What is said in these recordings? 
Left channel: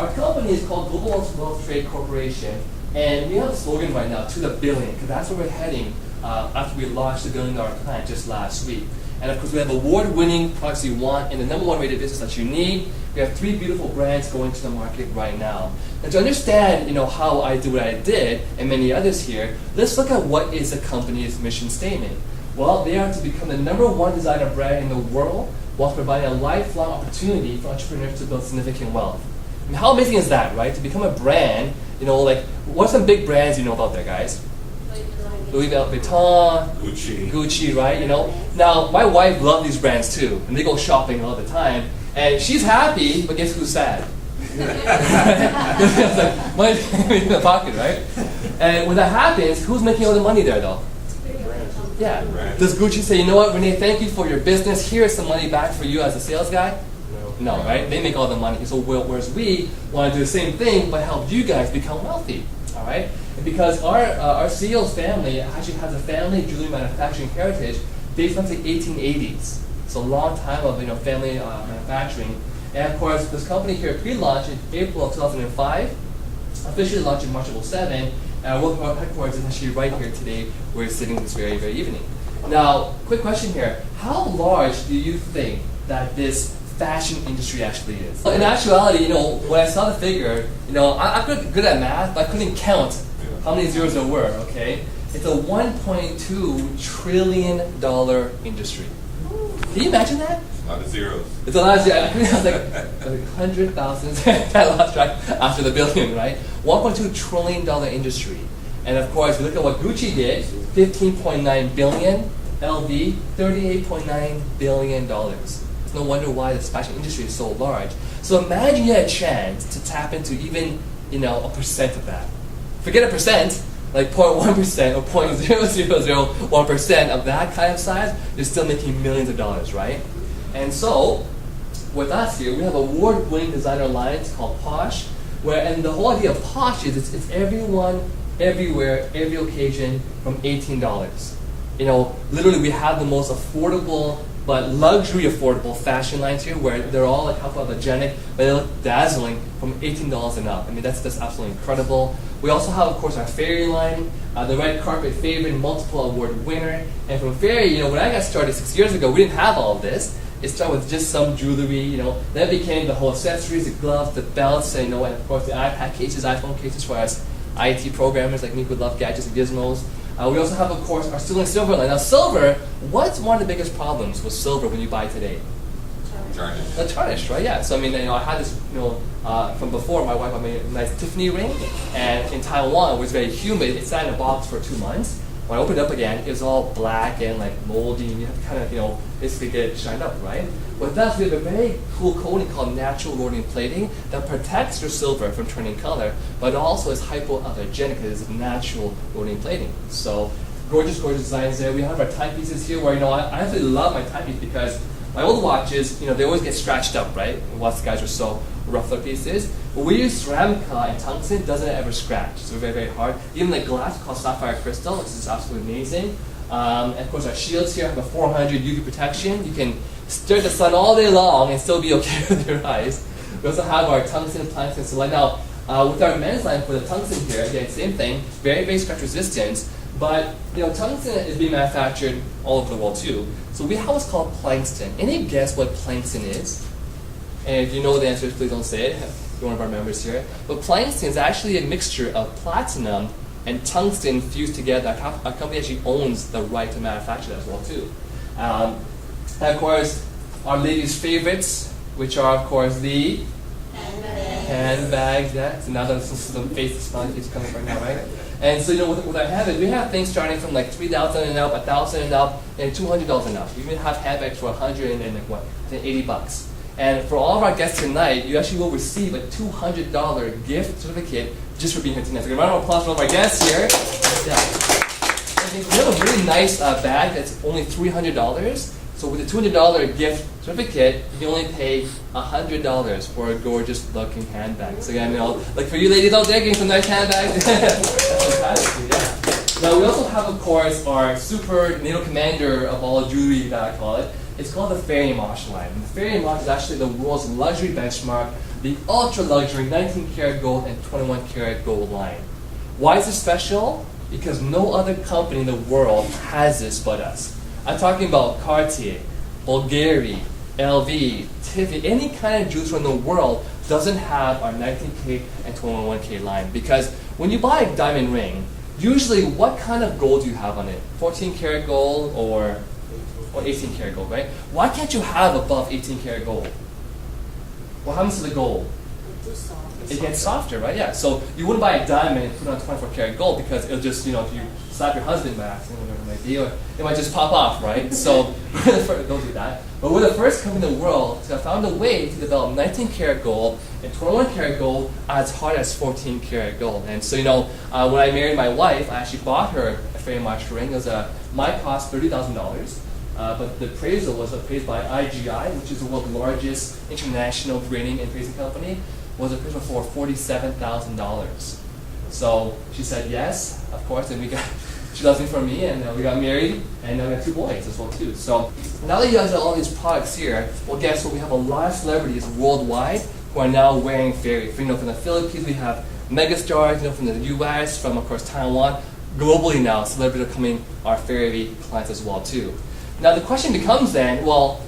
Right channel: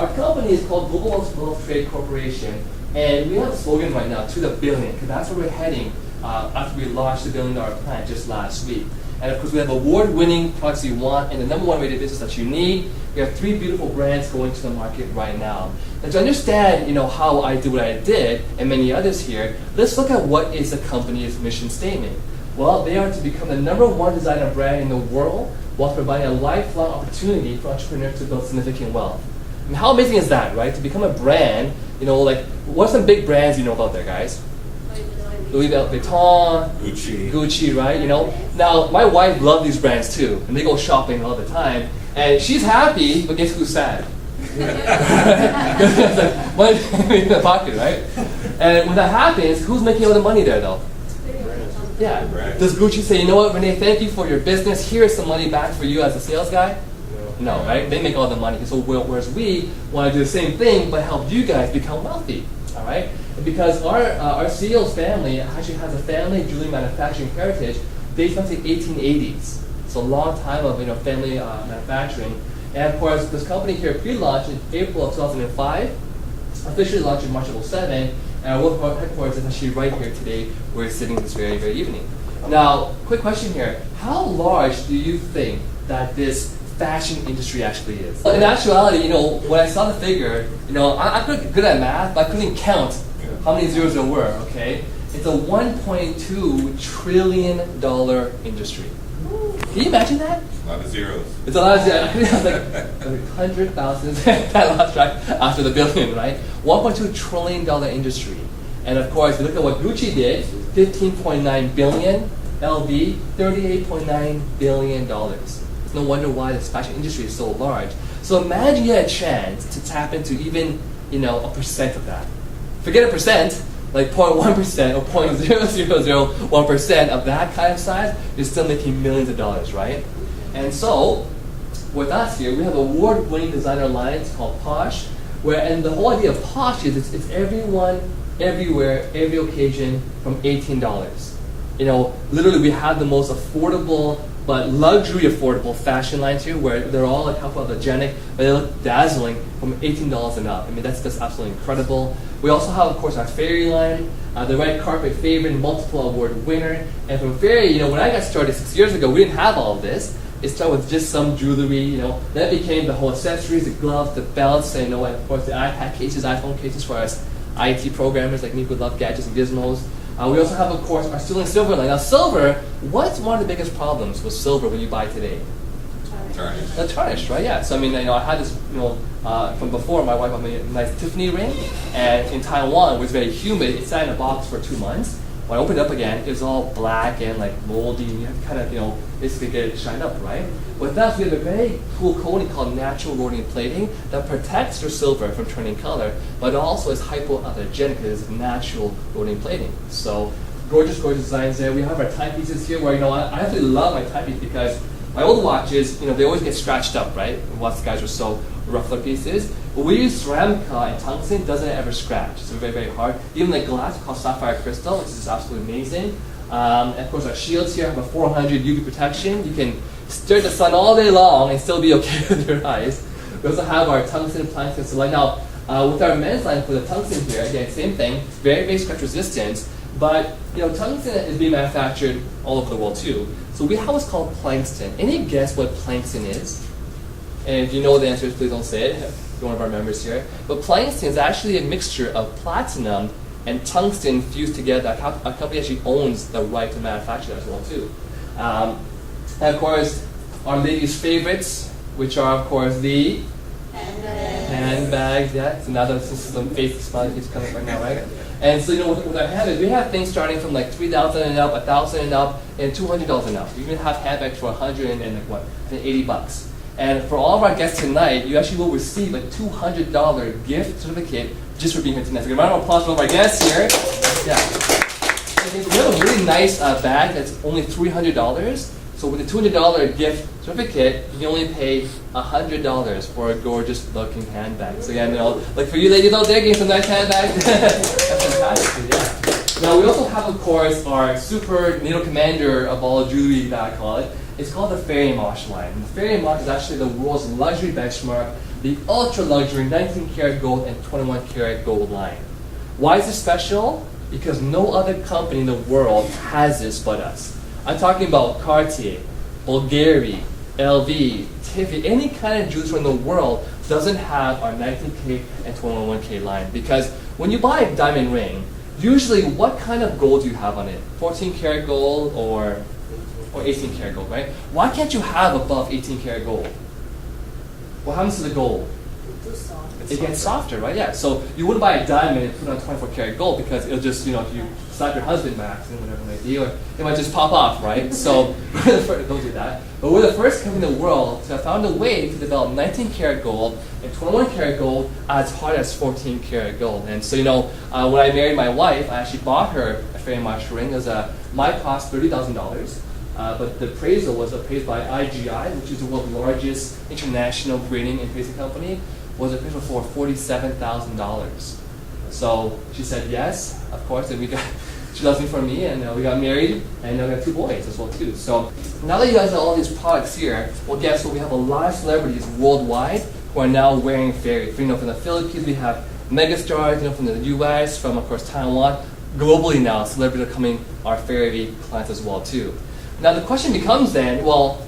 Our company is called Global Wealth Trade Corporation, and we have a slogan right now, to the billion, because that's where we're heading after we launched the $1 billion plan just last week. And of course, we have award-winning products you want and the number one rated business that you need. We have 3 beautiful brands going to the market right now. And to understand, how I do what I did, and many others here, let's look at what is the company's mission statement. Well, they are to become the number 1 designer brand in the world while providing a lifelong opportunity for entrepreneurs to build significant wealth. And how amazing is that, right? To become a brand, what's some big brands you know about there, guys? Louis Vuitton, Gucci, right? Now my wife loves these brands too, and they go shopping all the time. And she's happy, but guess who's sad? It's like money in the pocket, right? And when that happens, who's making all the money there, though? Yeah. Does Gucci say, you know what, Rene, thank you for your business. Here's some money back for you as a sales guy? No, right? They make all the money. So whereas we want to do the same thing, but help you guys become wealthy, all right? Because our CEO's family actually has a family jewelry manufacturing heritage based on the 1880s. It's a long time of family manufacturing. And of course, this company here pre-launched in April of 2005, officially launched in March of 2007, and our world headquarters is actually right here today. We're sitting this very, very evening. Now, quick question here. How large do you think that this fashion industry actually is? In actuality, when I saw the figure, I'm good at math, but I couldn't count how many zeros there were, okay? It's a $1.2 trillion industry. Can you imagine that? A lot of zeros. It's a lot of zeros. I think it's like 100,000, that lost track after the billion, right? $1.2 trillion industry. And of course, we look at what Gucci did, $15.9 billion, LV, $38.9 billion. It's no wonder why the fashion industry is so large. So imagine you had a chance to tap into even, a percent of that. Forget a percent, like 0.1% or 0.0001% of that kind of size, you're still making millions of dollars, right? And so, with us here, we have award-winning designer lines called Posh, and the whole idea of Posh is it's everyone, everywhere, every occasion from $18. Literally we have the most affordable but luxury affordable fashion lines here where they're all like hypoallergenic, but they look dazzling from $18 and up. I mean, that's just absolutely incredible. We also have, of course, our Fairy line, the red carpet favorite, multiple award winner. And from Fairy, when I got started 6 years ago, we didn't have all of this. It started with just some jewelry, Then it became the whole accessories, the gloves, the belts, and of course the iPad cases, iPhone cases for us IT programmers like me who love gadgets and gizmos. We also have, of course, our sterling silver line. Now, silver, what's one of the biggest problems with silver when you buy today? Tarnish. The tarnish, right? Yeah. So, I had this, from before, my wife made a nice Tiffany ring, and in Taiwan, it was very humid. It sat in a box for 2 months. When I opened it up again, it was all black and moldy, and you have to kind of, basically get it shined up, right? With us, we have a very cool coating called natural rhodium plating that protects your silver from turning color, but also is hypoallergenic because it's natural rhodium plating. So, gorgeous, gorgeous designs there. We have our timepieces here where, I actually love my timepiece because my old watches, they always get scratched up, right? Watch guys are so rough look pieces. But we use ceramic and tungsten, doesn't ever scratch. So very, very hard. Even like glass called sapphire crystal, which is absolutely amazing. And of course our shields here have a 400 UV protection. You can stare at the sun all day long and still be okay with your eyes. We also have our tungsten planks and so like now with our men's line for the tungsten here, again, same thing, very, very scratch resistant. But tungsten is being manufactured all over the world too. So we have what's called plankton. Any guess what plankton is? And if you know the answers, please don't say it. You're one of our members here. But plankton is actually a mixture of platinum and tungsten fused together. Our company actually owns the right to manufacture that as well too. And of course, our ladies' favorites, which are of course the handbags. Yeah, so now there's some face sponges coming right now, right? And so with our handbags, we have things starting from like $3,000 and up, $1,000 and up, and $200 and up. We even have handbags for $100 and $80. And for all of our guests tonight, you actually will receive a $200 gift certificate just for being here tonight. So, a round of applause for all of our guests here. Yeah. And we have a really nice bag that's only $300. So with a $200 gift certificate, you only pay $100 for a gorgeous looking handbag. So again, like for you ladies out there getting some nice handbags, that's fantastic. Yeah. Now we also have, of course, our super NATO commander of all jewelry that I call it. It's called the Fairy Mosh line. The Fairy Mosh is actually the world's luxury benchmark the ultra luxury 19 karat gold and 21 karat gold line. Why is this special? Because no other company in the world has this but us. I'm talking about Cartier, Bulgari, LV, Tiffany, any kind of jewelry from the world doesn't have our 19K and 21K line. Because when you buy a diamond ring, usually what kind of gold do you have on it? 14 karat gold or 18 karat gold, right? Why can't you have above 18 karat gold? What happens to the gold? It gets softer, right? Yeah. So you wouldn't buy a diamond and put on 24 karat gold because it'll just, if you slap your husband by accident, whatever it might be, or it might just pop off, right? So don't do that. But we're the first company in the world to have found a way to develop 19 karat gold and 21 karat gold as hard as 14 karat gold. And so, when I married my wife, I actually bought her a very much ring. It was might cost $30,000. But the appraisal was appraised by IGI, which is the world's largest international grading and appraisal company, was appraised for $47,000. So she said yes, of course, and she loves me for me, and we got married, and now we have 2 boys as well too. So now that you guys have all these products here, well, guess what? We have a lot of celebrities worldwide who are now wearing fairy. From the Philippines, we have megastars, from the U.S., from of course Taiwan. Globally now, celebrities are coming our fairy clients as well too. Now the question becomes then, well,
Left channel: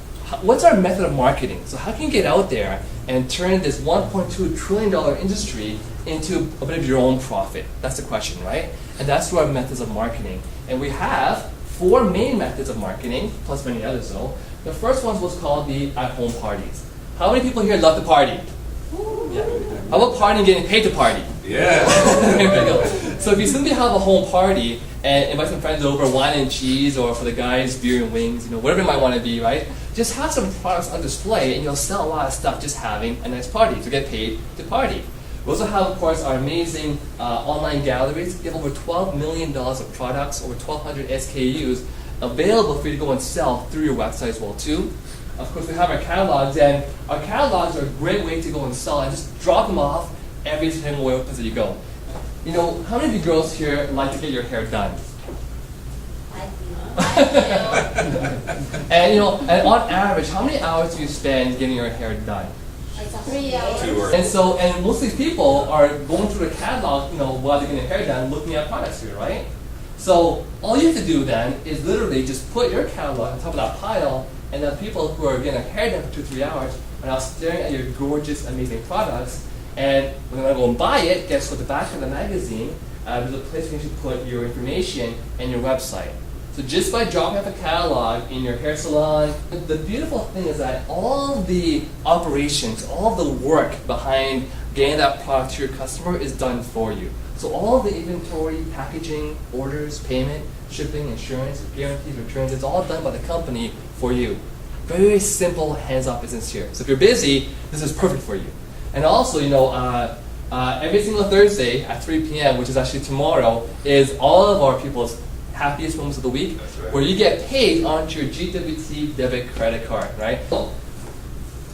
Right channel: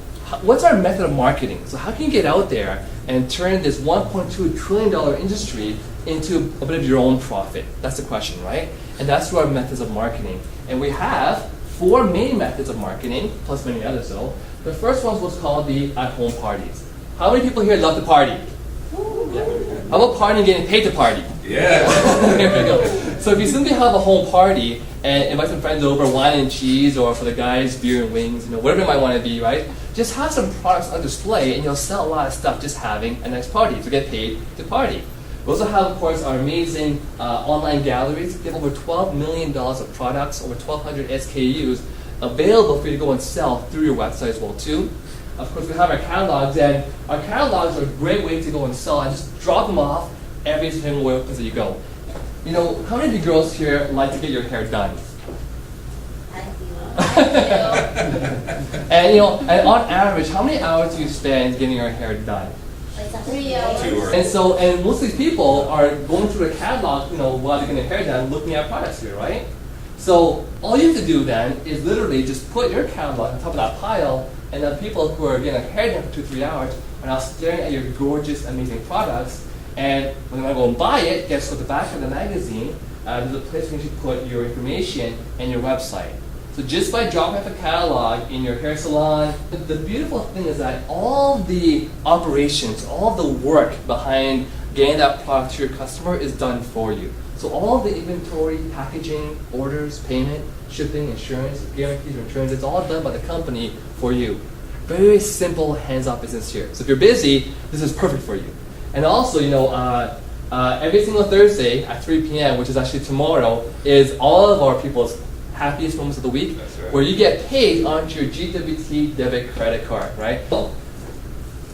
what's our method of marketing? So how can you get out there and turn this $1.2 trillion industry into a bit of your own profit? That's the question, right? And that's through our methods of marketing. And we have 4 main methods of marketing, plus many others though. The first one was called the at-home parties. How many people here love to party? Yeah. How about partying getting paid to party? Yeah. There we go. So if you simply have a home party and invite some friends over, wine and cheese, or for the guys, beer and wings, whatever it might want to be, right? Just have some products on display and you'll sell a lot of stuff just having a nice party to get paid to party. We also have, of course, our amazing online galleries. We have over $12 million of products, over 1,200 SKUs available for you to go and sell through your website as well too. Of course, we have our catalogs, and our catalogs are a great way to go and sell and just drop them off every single place that you go. How many of you girls here like to get your hair done? And on average, how many hours do you spend getting your hair done? 3 hours. 2 hours. And most of these people are going through the catalog, while they're getting their hair done, looking at products here, right? So all you have to do then is literally just put your catalog on top of that pile, and the people who are getting their hair done for 2-3 hours are now staring at your gorgeous, amazing products. And when I go and buy it, guess what? The back of the magazine, there's a place where you should put your information and your website. So just by dropping off a catalog in your hair salon, the beautiful thing is that all the operations, all the work behind getting that product to your customer is done for you. So all the inventory, packaging, orders, payment, shipping, insurance, guarantees, returns, it's all done by the company for you. Very simple hands-off business here. So if you're busy, this is perfect for you. And also, every single Thursday at 3 p.m., which is actually tomorrow, is all of our people's happiest moments of the week, right, where you get paid onto your GWT debit credit card, right? So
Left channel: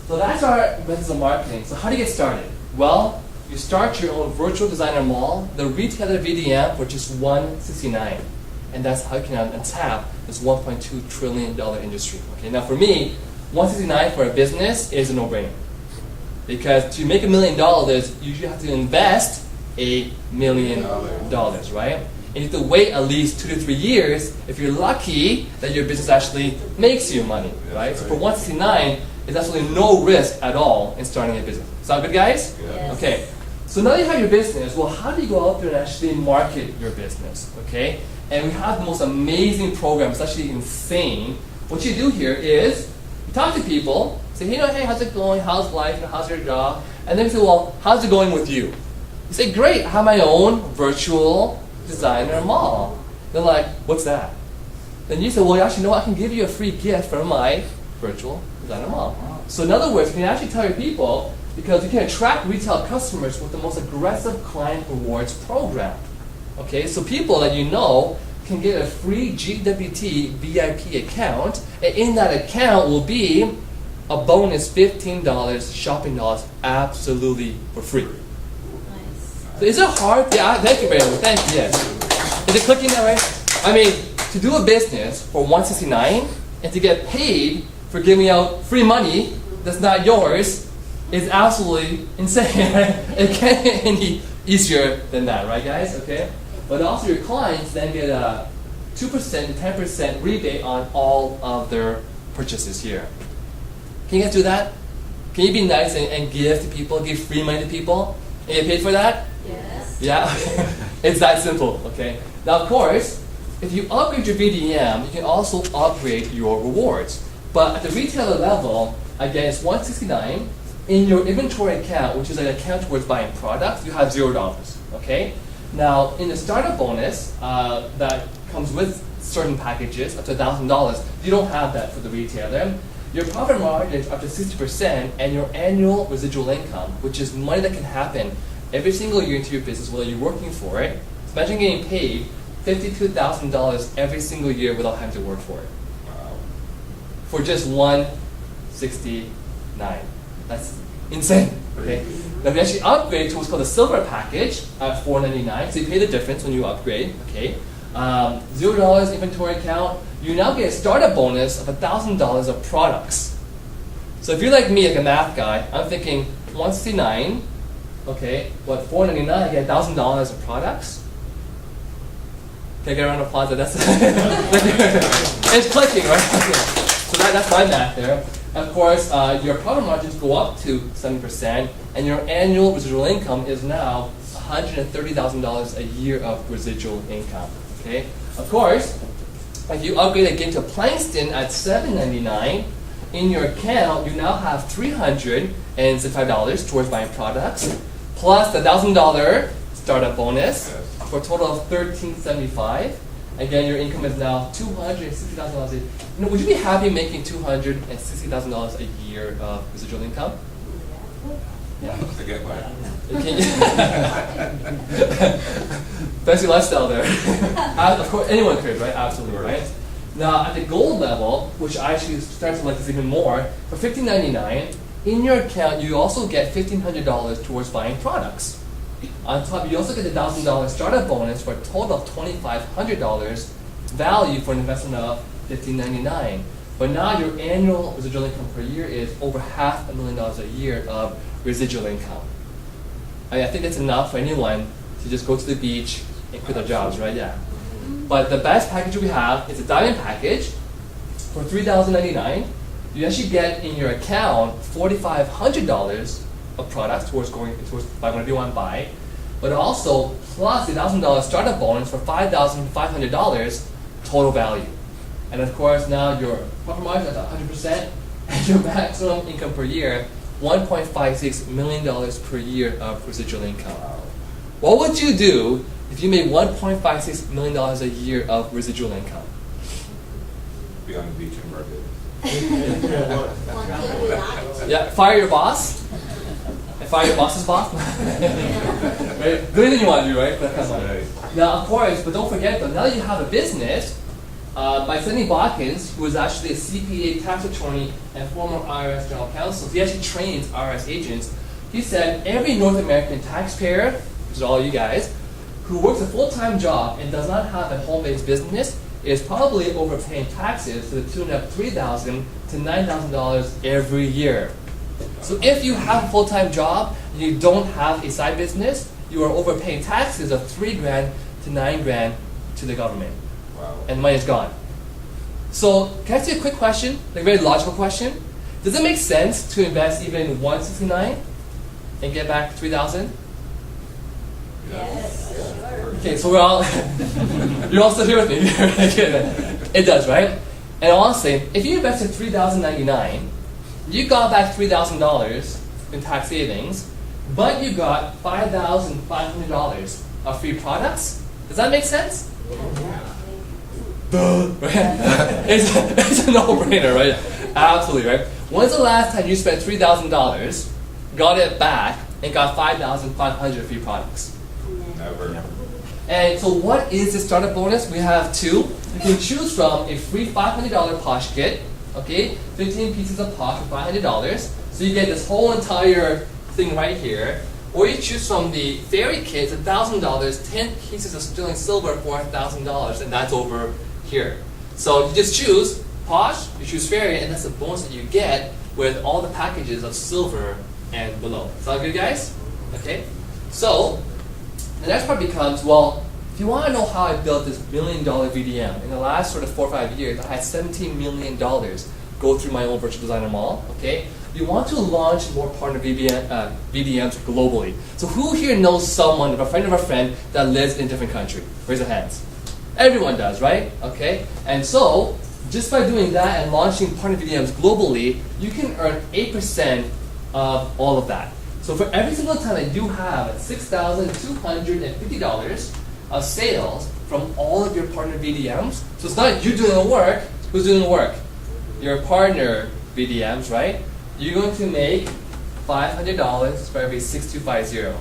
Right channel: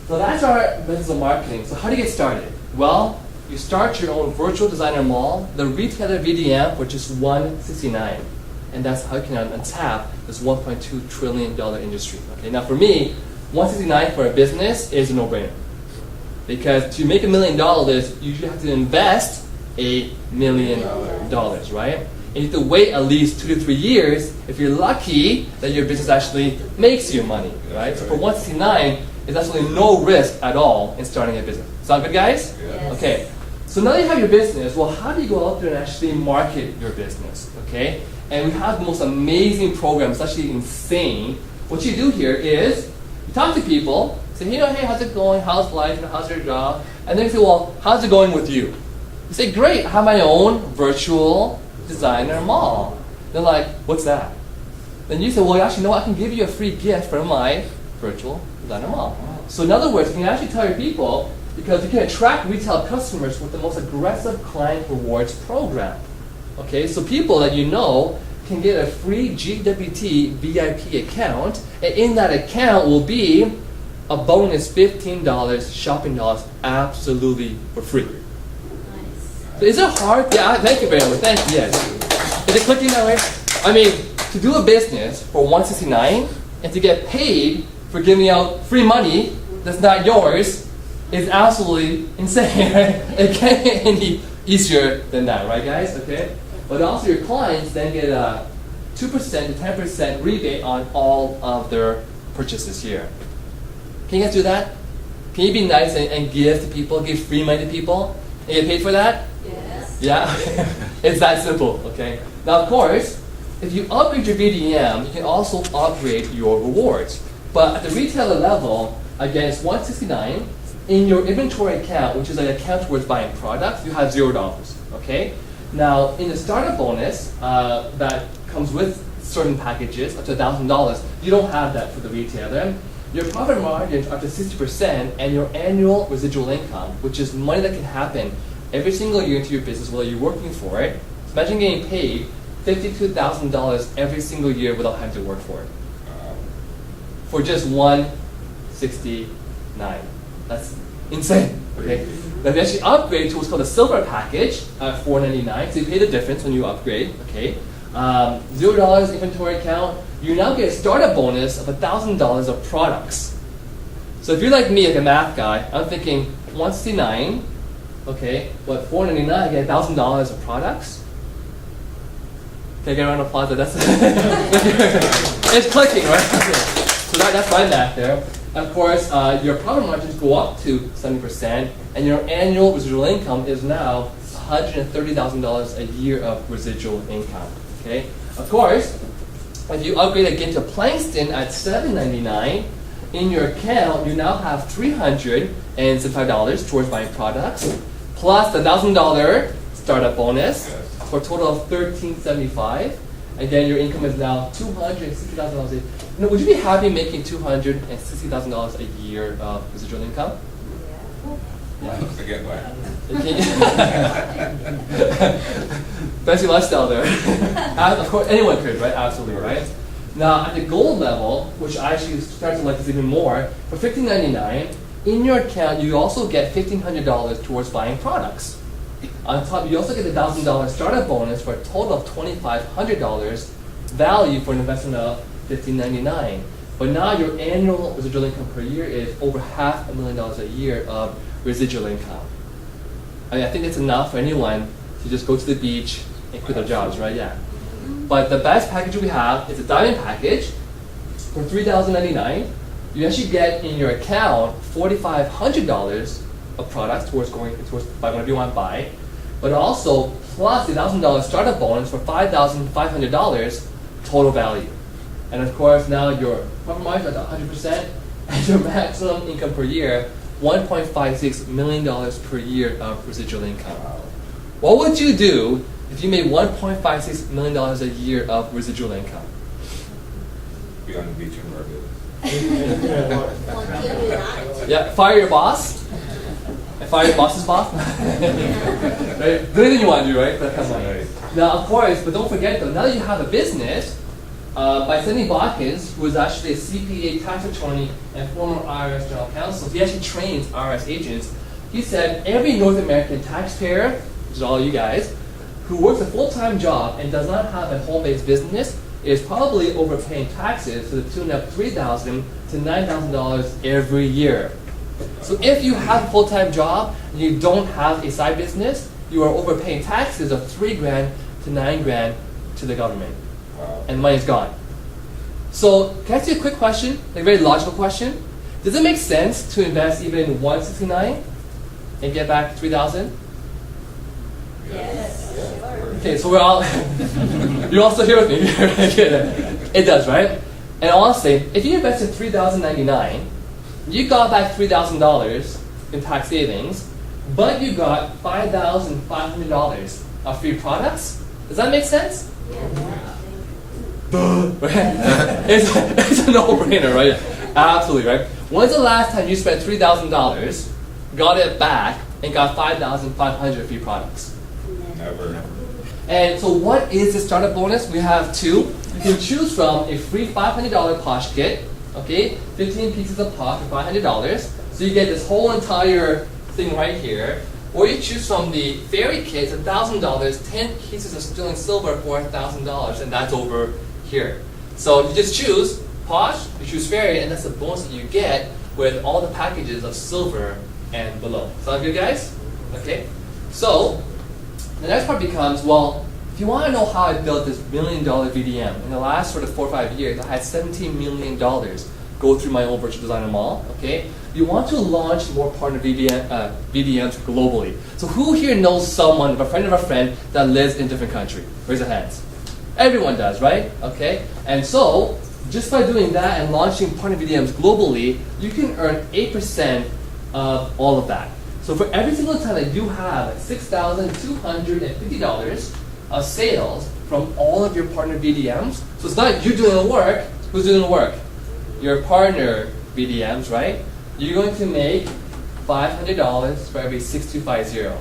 that's our methods of marketing. So how do you get started? Well, you start your own virtual designer mall, the retailer VDM, for just $169. And that's how you can untap this $1.2 trillion industry. Okay, now for me, $169 for a business is a no-brainer. Because to make $1 million, you should have to invest $1 million, right? And you have to wait at least 2 to 3 years if you're lucky that your business actually makes you money, right? So for $169, there's absolutely no risk at all in starting a business. Sound good, guys? Yes. Okay. So now that you have your business, well, how do you go out there and actually market your business, okay? And we have the most amazing program. It's actually insane. What you do here is you talk to people, say, hey, how's it going? How's life? How's your job? And then you say, well, how's it going with you? You say, great, I have my own virtual designer mall. They're like, what's that? Then you say, well, actually, no, I can give you a free gift from my virtual designer mall. So in other words, you can actually tell your people, because you can attract retail customers with the most aggressive client rewards program. Okay, so people that you know can get a free GWT VIP account, and in that account will be a bonus $15 shopping dollars absolutely for free. Nice. Is it hard? Yeah, thank you very much. Thank you. Yes. Is it clicking that right? I mean, to do a business for $169 and to get paid for giving out free money that's not yours, is absolutely insane. It can't get any easier than that, right, guys? Okay. But also, your clients then get a 2% to 10% rebate on all of their purchases here. Can you guys do that? Can you be nice and give to people, give free money to people, and get paid for that? Yes. Yeah, it's that simple, okay? Now, of course, if you upgrade your VDM, you can also upgrade your rewards. But at the retailer level, again, it's $169. In your inventory account, which is an account towards buying products, you have $0, okay? Now, in the startup bonus that comes with certain packages, up to $1,000, you don't have that for the retailer. Your profit margin is up to 60%, and your annual residual income, which is money that can happen every single year into your business while you're working for it. Imagine getting paid $52,000 every single year without having to work for it. Wow. For just $169. That's insane. Okay. But if you actually upgrade to what's called a silver package at $499, so you pay the difference when you upgrade. Okay. $0 inventory account. You now get a startup bonus of $1,000 of products. So if you're like me, like a math guy, I'm thinking 169. Okay. What $499? I get $1,000 of products. Can I get a round of applause? That's it's clicking, right? So that's my math there. Of course, your profit margins go up to 7%, and your annual residual income is now $130,000 a year of residual income. Okay. Of course, if you upgrade again to Plankston at $799, in your account you now have $375 towards buying products, plus the $1,000 startup bonus, for a total of $1,375. Again, your income is now $260,000 a year. Would you be happy making $260,000 a year of residual income? I get one. Okay. Fancy lifestyle there. Of course, anyone could, right? Absolutely, right? Now, at the gold level, which I actually start to like this even more, for $1,599, in your account, you also get $1,500 towards buying products. On top, you also get the $1,000 startup bonus for a total of $2,500 value for an investment of $1,599. But now your annual residual income per year is over $500,000 a year of residual income. I think that's enough for anyone to just go to the beach and quit their jobs, right? Yeah. But the best package we have is a diamond package for $3,099. You actually get in your account $4,500 of products towards buy whatever you want to buy, but also plus the $1,000 startup bonus for $5,500 total value. And of course, now your profit margin is at 100%, and your maximum income per year, $1.56 million per year of residual income. What would you do if you made $1.56 million a year of residual income? Be on the beach in Barbados. Yeah, fire your boss. Fire your boss's boss. Right? Good thing you want to do, right? Now, of course, but don't forget though, now that you have a business, by Sidney Botkins, who is actually a CPA tax attorney and former IRS general counsel, he actually trains IRS agents. He said every North American taxpayer, which is all you guys, who works a full-time job and does not have a home-based business is probably overpaying taxes to the tune of $3,000 to $9,000 every year. So if you have a full-time job and you don't have a side business, you are overpaying taxes of $3,000 to $9,000 to the government. Wow. And money is gone. So can I ask you a quick question, a very logical question? Does it make sense to invest even $169 and get back $3,000? Yes. Okay, so we're all you're all still here with me. It does, right? And honestly, if you invested $3,099, you got back $3,000 in tax savings, but you got $5,500 of free products. Does that make sense? It's a no-brainer, right? Absolutely, right? When's the last time you spent $3,000, got it back, and got $5,500 free products? Never. And so what is the startup bonus? We have two. You can choose from a free $500 Posh kit, okay? 15 pieces of Posh for $500. So you get this whole entire thing right here. Or you choose from the fairy kit, $1,000, 10 pieces of sterling silver for $1,000, and that's over here. So you just choose Posh, you choose fairy, and that's the bonus that you get with all the packages of silver and below. Sound good, guys? Okay. So the next part becomes, well, if you want to know how I built this $1 million VDM, in the last sort of 4 or 5 years, I had $17 million go through my own virtual designer mall. Okay. You want to launch more partner VDMs globally. So who here knows someone, a friend of a friend, that lives in a different country? Raise your hands. Everyone does, right? Okay. And so just by doing that and launching partner VDMs globally, you can earn 8% of all of that. So for every single time that you have $6,250 of sales from all of your partner VDMs, so it's not you doing the work. Who's doing the work? Your partner VDMs, right? You're going to make $500 for every 6250.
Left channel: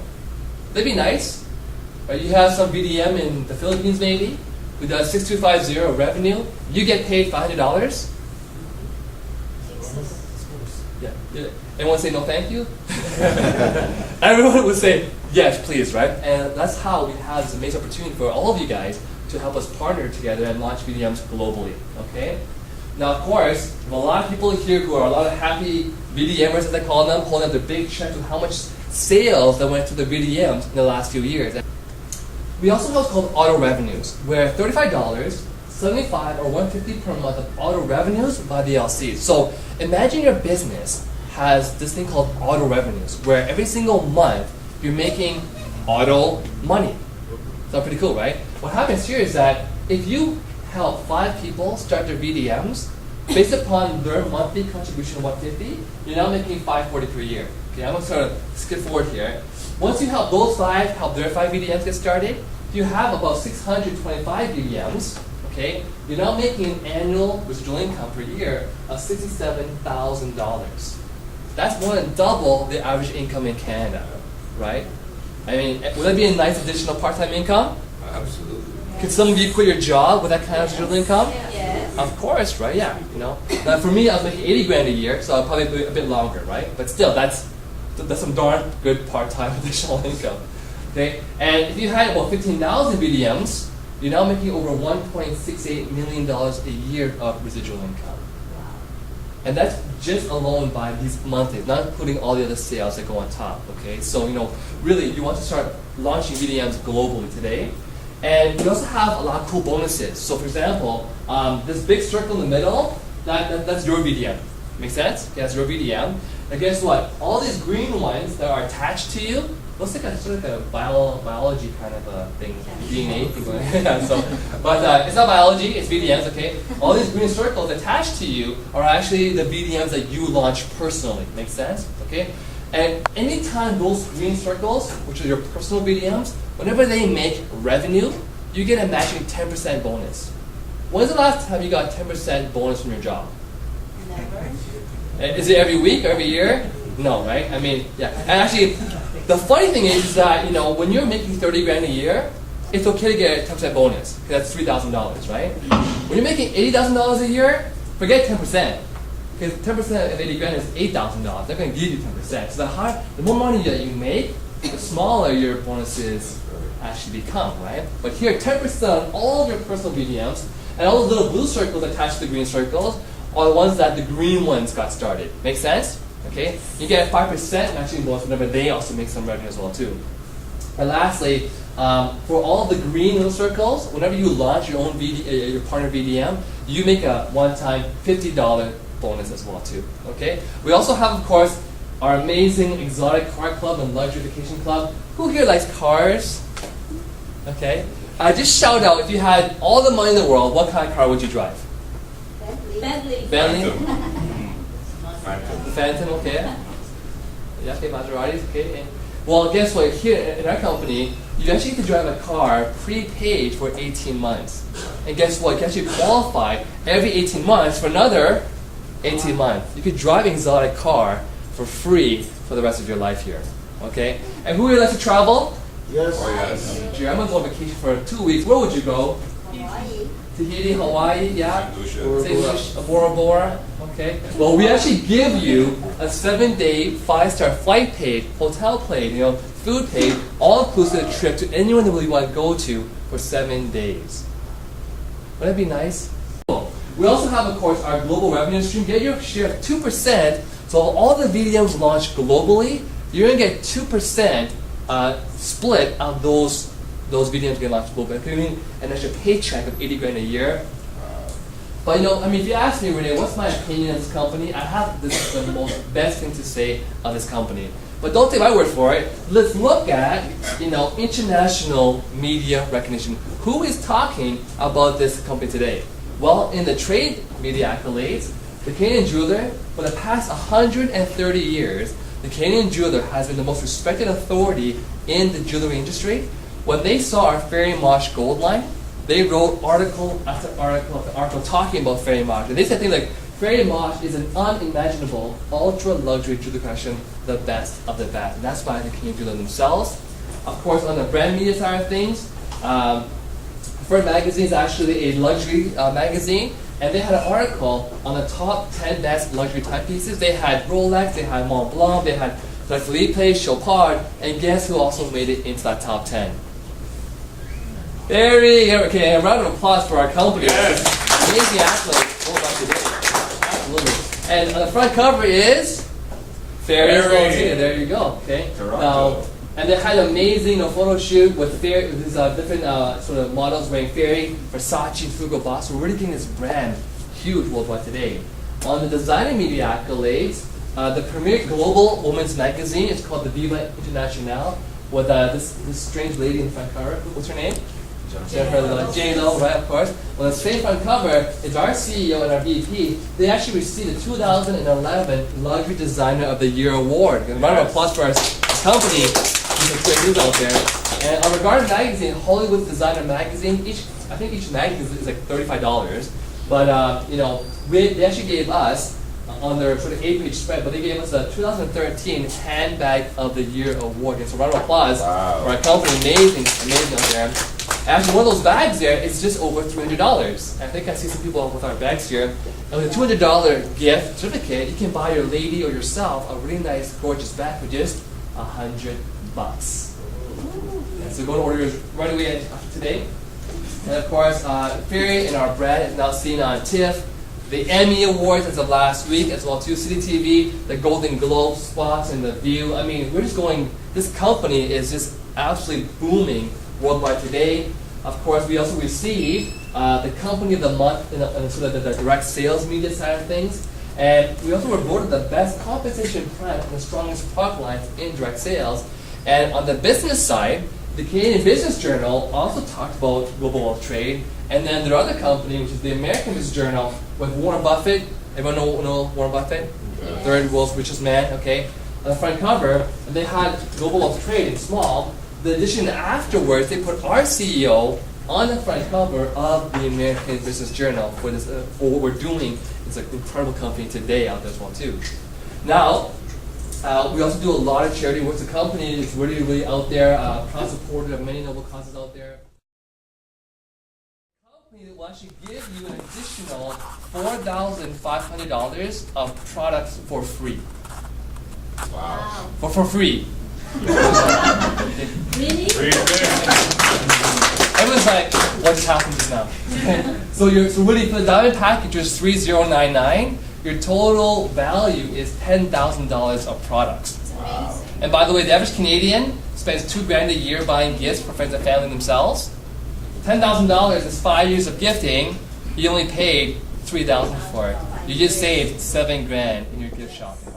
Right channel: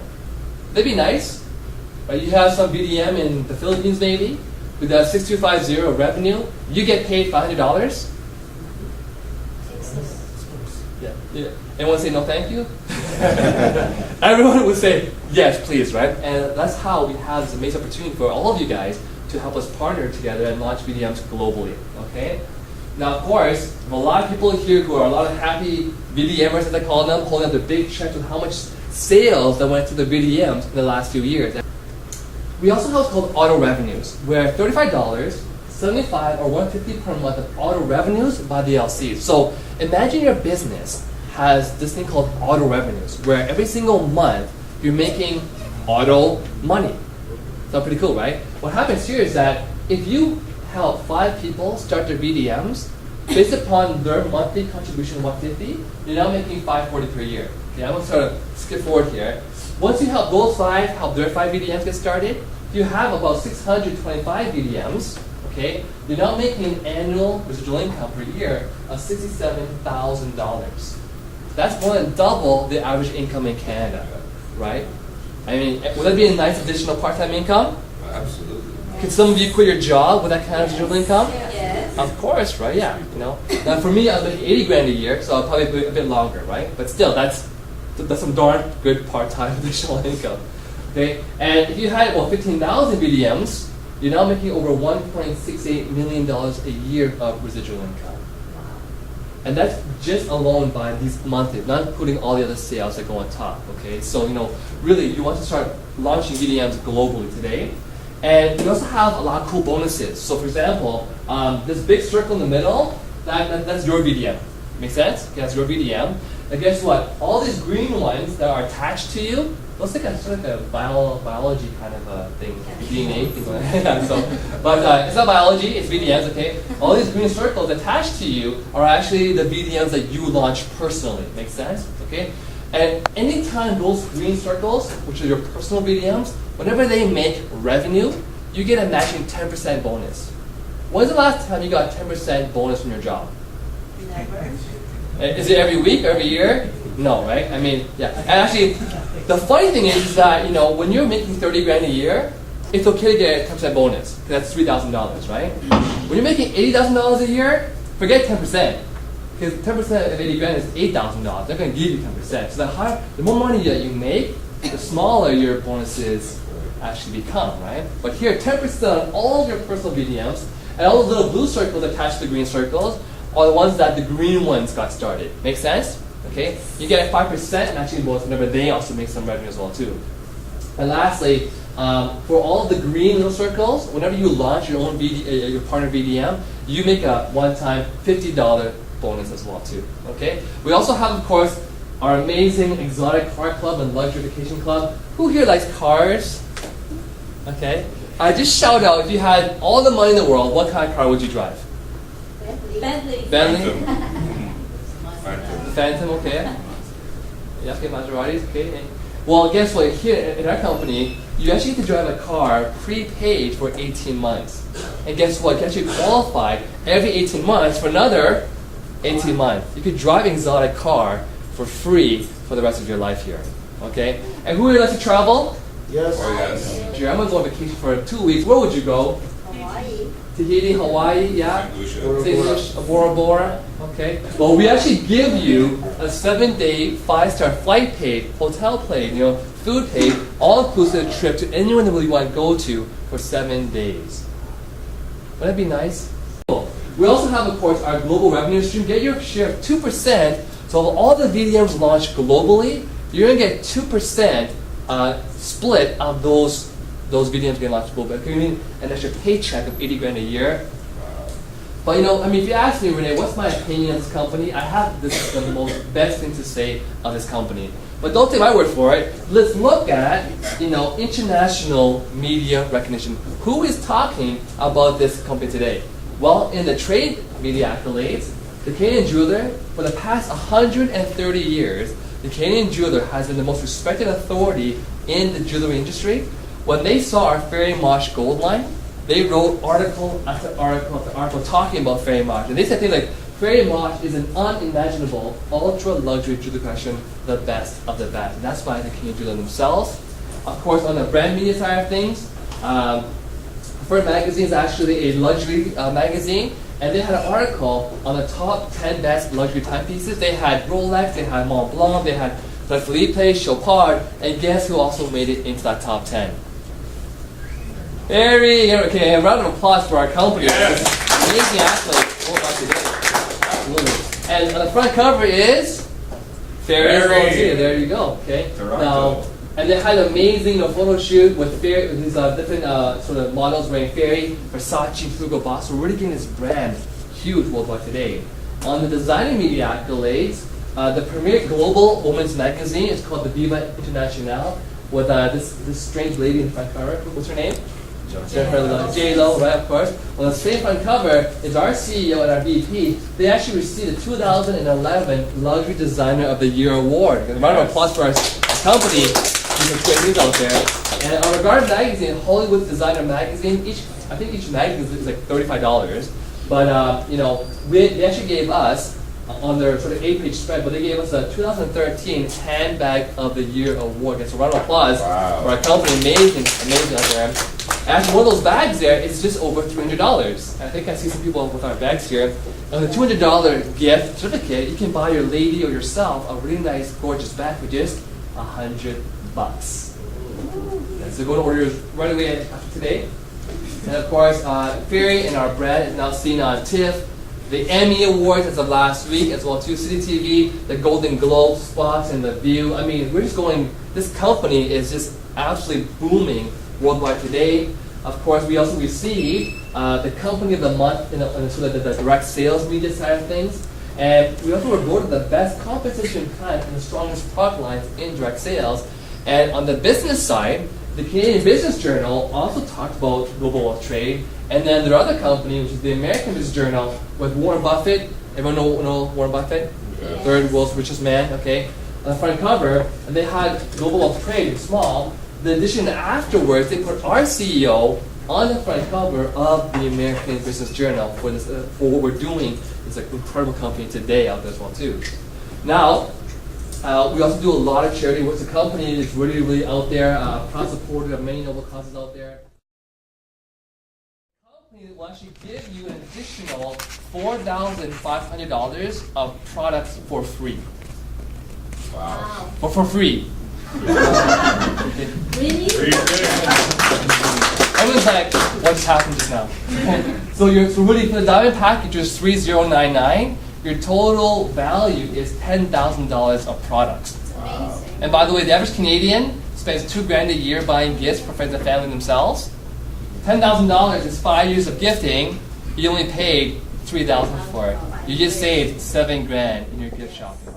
That'd be nice, right? You have some VDM in the Philippines maybe, with that 6250 revenue, you get paid $500. Yeah. Anyone say no thank you? Everyone would say yes please, right? And that's how we have this amazing opportunity for all of you guys to help us partner together and launch VDMs globally. Okay? Now of course, a lot of people here who are a lot of happy VDMers as I call them, holding up their big checks with how much sales that went to the VDMs in the last few years. We also have what's called auto revenues, where $35, $75, or $150 per month of auto revenues by the LCs. So imagine your business has this thing called auto revenues, where every single month you're making auto money. That's pretty cool, right? What happens here is that if you help 5 people start their VDMs, based upon their monthly contribution of $150, you're now making $540 per year. Okay, I'm going to sort of skip forward here. Once you help those 5, help their 5 VDMs get started, you have about 625 VDMs. Okay, you're now making an annual residual income per year of $67,000. That's more than double the average income in Canada, right? I mean, would that be a nice additional part-time income? Absolutely. Could some of you quit your job with that kind of residual income? Yes. Of course, right? Yeah, you know. Now for me, I was making 80 grand a year, so I'll probably be a bit longer, right? But still, that's some darn good part-time additional income. Okay, and if you had about 15,000 VDMs, you're now making over $1.68 million a year of residual income. And that's just alone by these monthly, not putting all the other sales that go on top. Okay, so really, you want to start launching VDMs globally today. And we also have a lot of cool bonuses. So for example, this big circle in the middle, that's your VDM. Make sense? Okay, that's your VDM. And guess what? All these green ones that are attached to you, looks like a sort of a biology kind of a thing, DNA thing going on. But it's not biology, it's VDMs, okay? All these green circles attached to you are actually the VDMs that you launch personally. Make sense? Okay? And anytime those green circles, which are your personal VDMs, whenever they make revenue, you get a matching 10% bonus. When's the last time you got 10% bonus from your job? Never. Is it every week or every year? No, right? I mean, yeah. And actually, the funny thing is that, when you're making 30 grand a year, it's okay to get a 10% bonus, because that's $3,000, right? When you're making $80,000 a year, forget 10%. Because 10% of 80 grand is $8,000. They're going to give you 10%. So the more money that you make, the smaller your bonuses actually become, right? But here, 10% on all of your personal VDMs, and all the little blue circles attached to the green circles are the ones that the green ones got started. Make sense? Okay? You get a 5% matching bonus whenever they also make some revenue as well too. And lastly, for all the green little circles, whenever you launch your own your partner VDM, you make a one-time $50 bonus as well too. Okay? We also have, of course, our amazing exotic car club and luxury vacation club. Who here likes cars? Okay? Just shout out, if you had all the money in the world, what kind of car would you drive? Bentley. Bentley? Phantom. Phantom, okay. Yeah, okay, Maseratis, okay. Well, guess what? Here in our company, you actually get to drive a car prepaid for 18 months. And guess what? You actually qualify every 18 months for another 18 months. You could drive an exotic car for free for the rest of your life here. Okay? And who would like to travel? Yes. Oh, yes. Gee, I'm going to go on vacation for 2 weeks. Where would you go? Hawaii. Tahiti, Hawaii, yeah? St. Bora Bora. Okay. Well, we actually give you a 7-day, 5-star flight paid, hotel paid, food paid, all-inclusive trip to anywhere that we want to go to for 7 days. Wouldn't that be nice? Cool. We also have, of course, our global revenue stream. Get your share of 2% So all the VDMs launched globally, you're going to get 2% split of those VDMs getting launched globally. It mean an extra paycheck of 80 grand a year. But if you ask me, Rene, what's my opinion of this company? I have this is the most best thing to say of this company. But don't take my word for it. Let's look at international media recognition. Who is talking about this company today? Well, in the trade media accolades, the Canadian jeweler, for the past 130 years, the Canadian jeweler has been the most respected authority in the jewelry industry. When they saw our Fairy Mosh gold line, they wrote article after article after article talking about Fairy Mosh. And they said things like, Fairy Mosh is an unimaginable, ultra-luxury jewelry collection, the best of the best. And that's why the Canadian jeweler themselves. Of course, on the brand media side of things, Fern Magazine is actually a luxury magazine. And they had an article on the top 10 best luxury timepieces. They had Rolex, they had Mont Blanc, they had Philippe, Chopard, and guess who also made it into that top 10? Okay, a round of applause for our company. Yes. Amazing athlete. Absolutely. And on the front cover is Fairy. There you go. Okay. Toronto. And they had an amazing photo shoot with these different sort of models wearing Fairy, Versace, Hugo Boss. We're really getting this brand huge worldwide today. On the designer media accolades, the premier global women's magazine is called the Viva International, with this strange lady in the front cover. What's her name? J-Lo, right, of course. On the same front cover is our CEO and our VP. They actually received the 2011 Luxury Designer of the Year award. A round of applause for our company. Some great news out there. And on Regarded Magazine, Hollywood Designer Magazine, I think each magazine is like $35. But they actually gave us on their sort of 8-page spread, but they gave us a 2013 Handbag of the Year award. So a round of applause for our company. Amazing out there. Actually, one of those bags there is just over $300. I think I see some people with our bags here. And with a $200 gift certificate, you can buy your lady or yourself a really nice, gorgeous bag for just $100. And so go to order yours right away after today. And of course, Fairy and our brand is now seen on TIFF, the Emmy Awards as of last week, as well too, City TV, the Golden Globe spots, and the View. I mean, we're just going. This company is just absolutely booming worldwide today. Of course, we also received the Company of the Month in sort of the direct sales media side of things. And we also were voted the best competition plan and the strongest product lines in direct sales. And on the business side, the Canadian Business Journal also talked about global wealth trade. And then their other company, which is the American Business Journal, with Warren Buffett. Everyone know Warren Buffett? Yeah. Third world's richest man, okay? On the front cover, and they had global wealth trade in small. In addition, afterwards, they put our CEO on the front cover of the American Business Journal for this for what we're doing. It's an incredible company today out there as well too. Now, we also do a lot of charity work. The company is really, really out there, proud supporter of many noble causes out there. The company will actually give you an additional $4,500 of products for free. Wow. For free. Really? Everyone's like, what just happened just now? So really, for the diamond package is $3,099. Your total value is $10,000 of products. Amazing. And by the way, the average Canadian spends $2,000 a year buying gifts for friends and family themselves. $10,000 is 5 years of gifting. You only paid $3,000 for it. You just saved $7,000 in your gift shopping.